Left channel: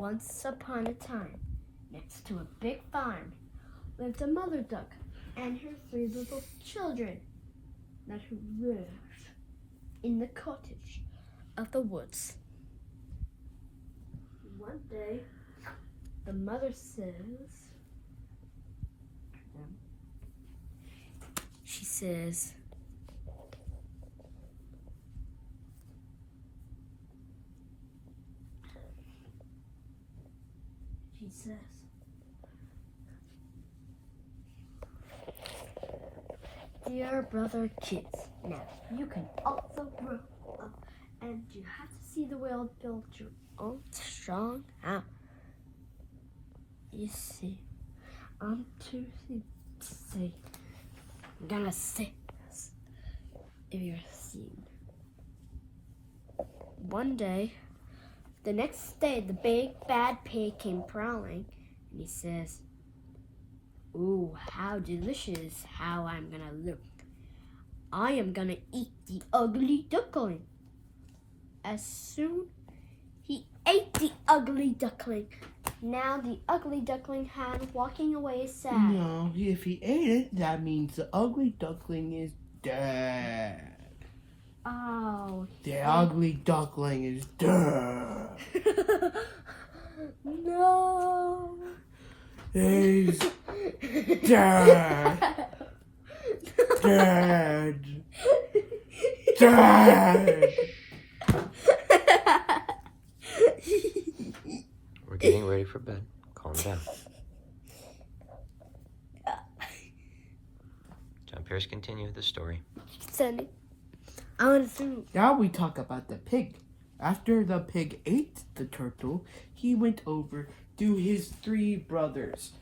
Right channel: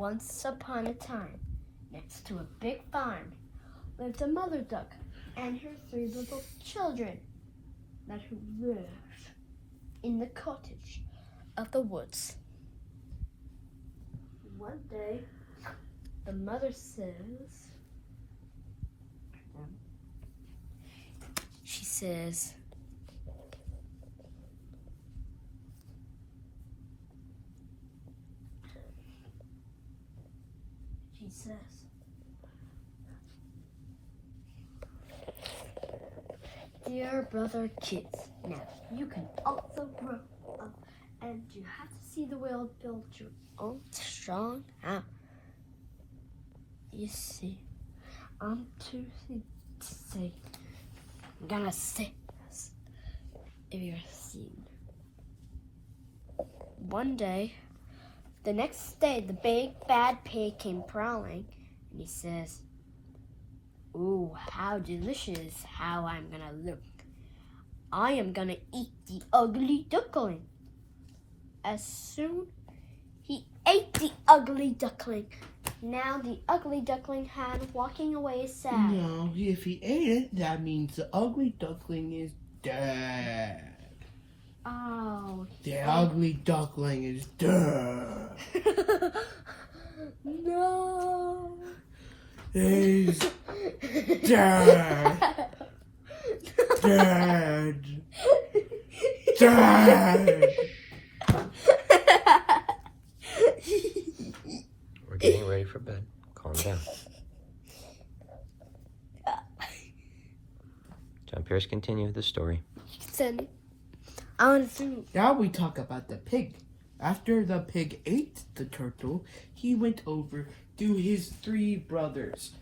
Once upon a time, next to a big farm, lived a mother duck and her 3 little children that who live in the cottage of the woods. One day, the mother says, she says, "Dear brother kids, now you can also grow up and you have to see the world build your own strong house. You see, I'm too sick to say, I'm gonna say this if you're seen." One day, the next day, the big bad pig came prowling and he says, "Ooh, how delicious, how I'm gonna look. I am gonna eat the ugly duckling." As soon he ate the ugly duckling. Now the ugly duckling had walking away sad. No, if he ate it, that means the ugly duckling is dead. Oh. The ugly duckling is dead. No. He's dead. Dead. Dead. We're getting ready for bed. Calm down. John Pierce, continue with the story. Now we talk about the pig. After the pig ate the turtle, he went over to his 3 brothers,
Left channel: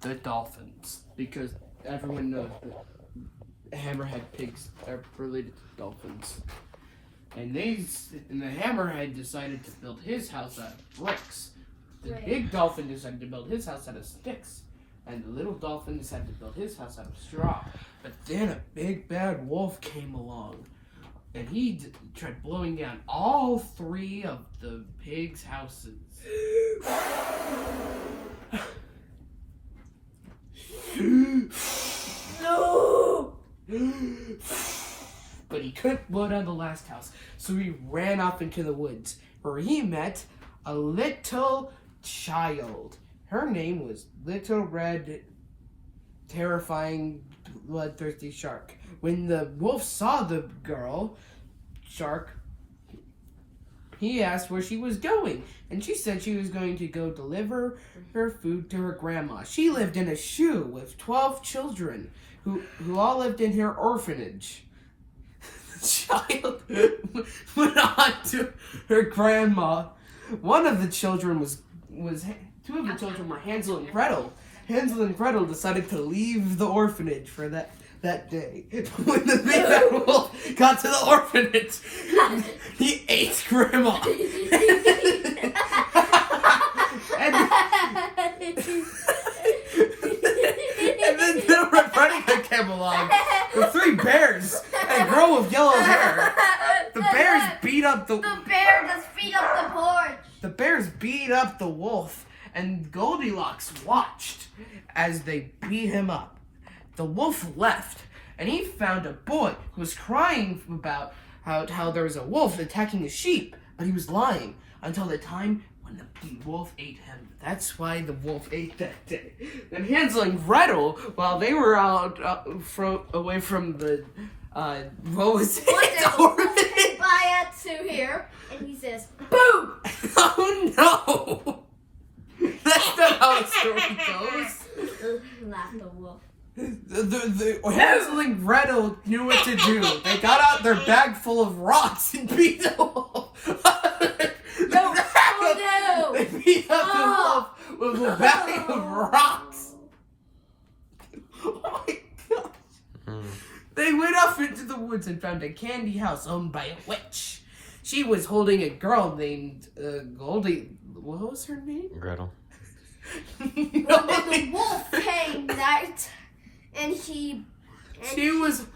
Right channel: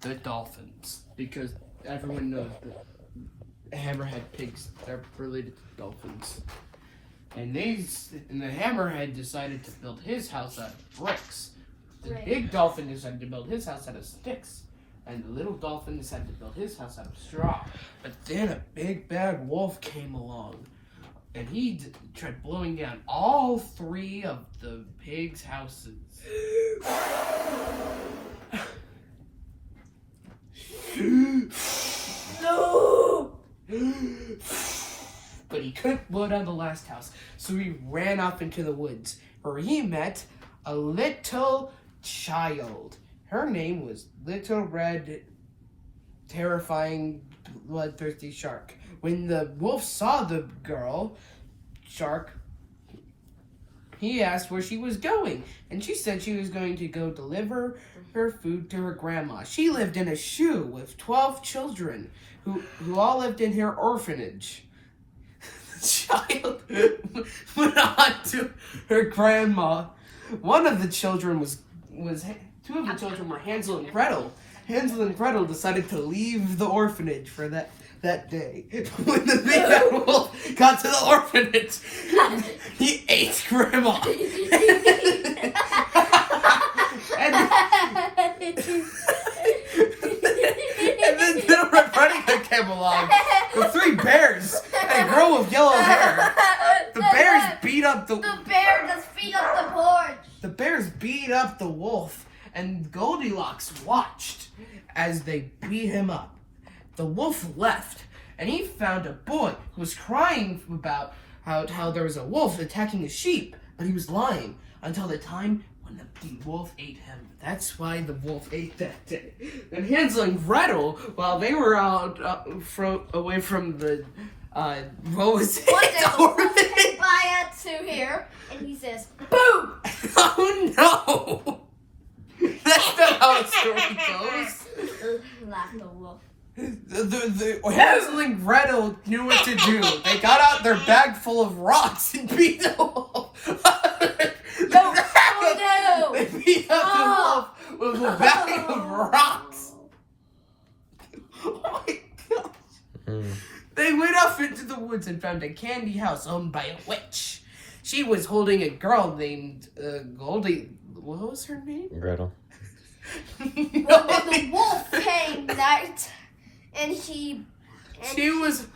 the dolphins, because everyone knows the hammerhead pigs are related to dolphins. And the hammerhead decided to build his house out of bricks. The big dolphin decided to build his house out of sticks. And the little dolphin decided to build his house out of straw. But then a big bad wolf came along. And he tried blowing down all 3 of the pigs' houses. No! But he couldn't blow down the last house, so he ran off into the woods, where he met a little child. Her name was Little Red, Terrifying, Bloodthirsty Shark. When the wolf saw the girl, Shark, he asked where she was going, and she said she was going to go deliver her food to her grandma. She lived in a shoe with 12 children who all lived in her orphanage. The child went on to her grandma. One of the children was 2 of the children were Hansel and Gretel. Hansel and Gretel decided to leave the orphanage for that day. When the big bad wolf got to the orphanage, he ate grandma. and then Little Red Riding Hood came along with 3 bears and a girl with yellow hair. The bears beat up the bear just beat up the porch. The bears beat up the wolf, and Goldilocks watched as they beat him up. The wolf left, and he found a boy who was crying about how there was a wolf attacking his sheep, but he was lying until the time when the wolf ate him. That's why the wolf ate that day. And Hansel and Gretel, while they were out away from the what was it? One day the wolf came by us to here, and he says, "Boo!" Oh no! That's not how the story goes. Laughed the wolf. The Hansel and Gretel knew what to do. They got out their bag full of rocks and beat the wolf. No! They beat up the wolf with a bag of rocks. Oh my gosh. They went off into the woods and found a candy house owned by a witch. She was holding a girl named Goldie. What was her name? Gretel. No, the wolf came that, and she was.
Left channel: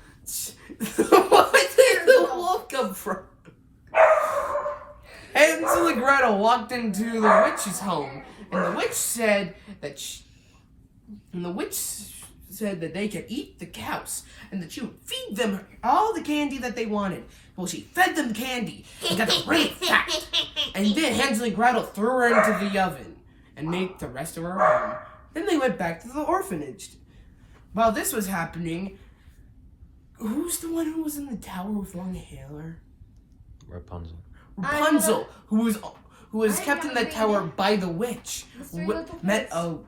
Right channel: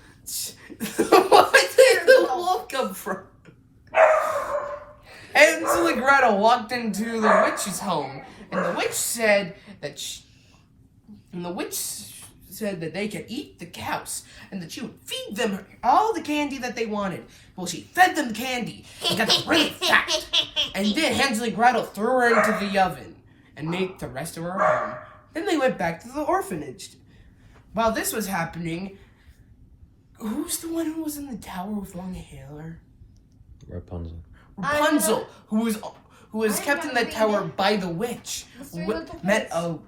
Where did the wolf come from? Hansel and Gretel walked into the witch's home, and the witch said that they could eat the cows, and that she would feed them all the candy that they wanted. Well, she fed them candy and got them really fat. And then Hansel and Gretel threw her into the oven and made the rest of her home. Then they went back to the orphanage. While this was happening, who's the one who was in the tower with long hair? Rapunzel. Rapunzel, who was kept in the tower by the witch, met a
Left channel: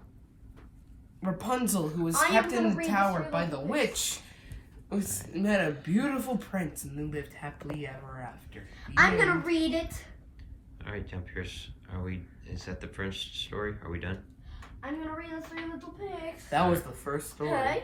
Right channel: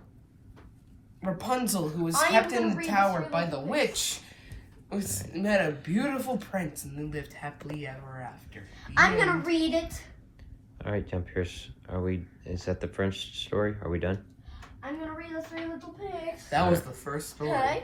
Rapunzel, who was kept in the tower by the witch, met a beautiful prince, and they lived happily ever after. I'm gonna read it. All right, John Pierce. Is that the French story? Are we done? I'm gonna read the Three Little Pigs. That was the first story. Okay.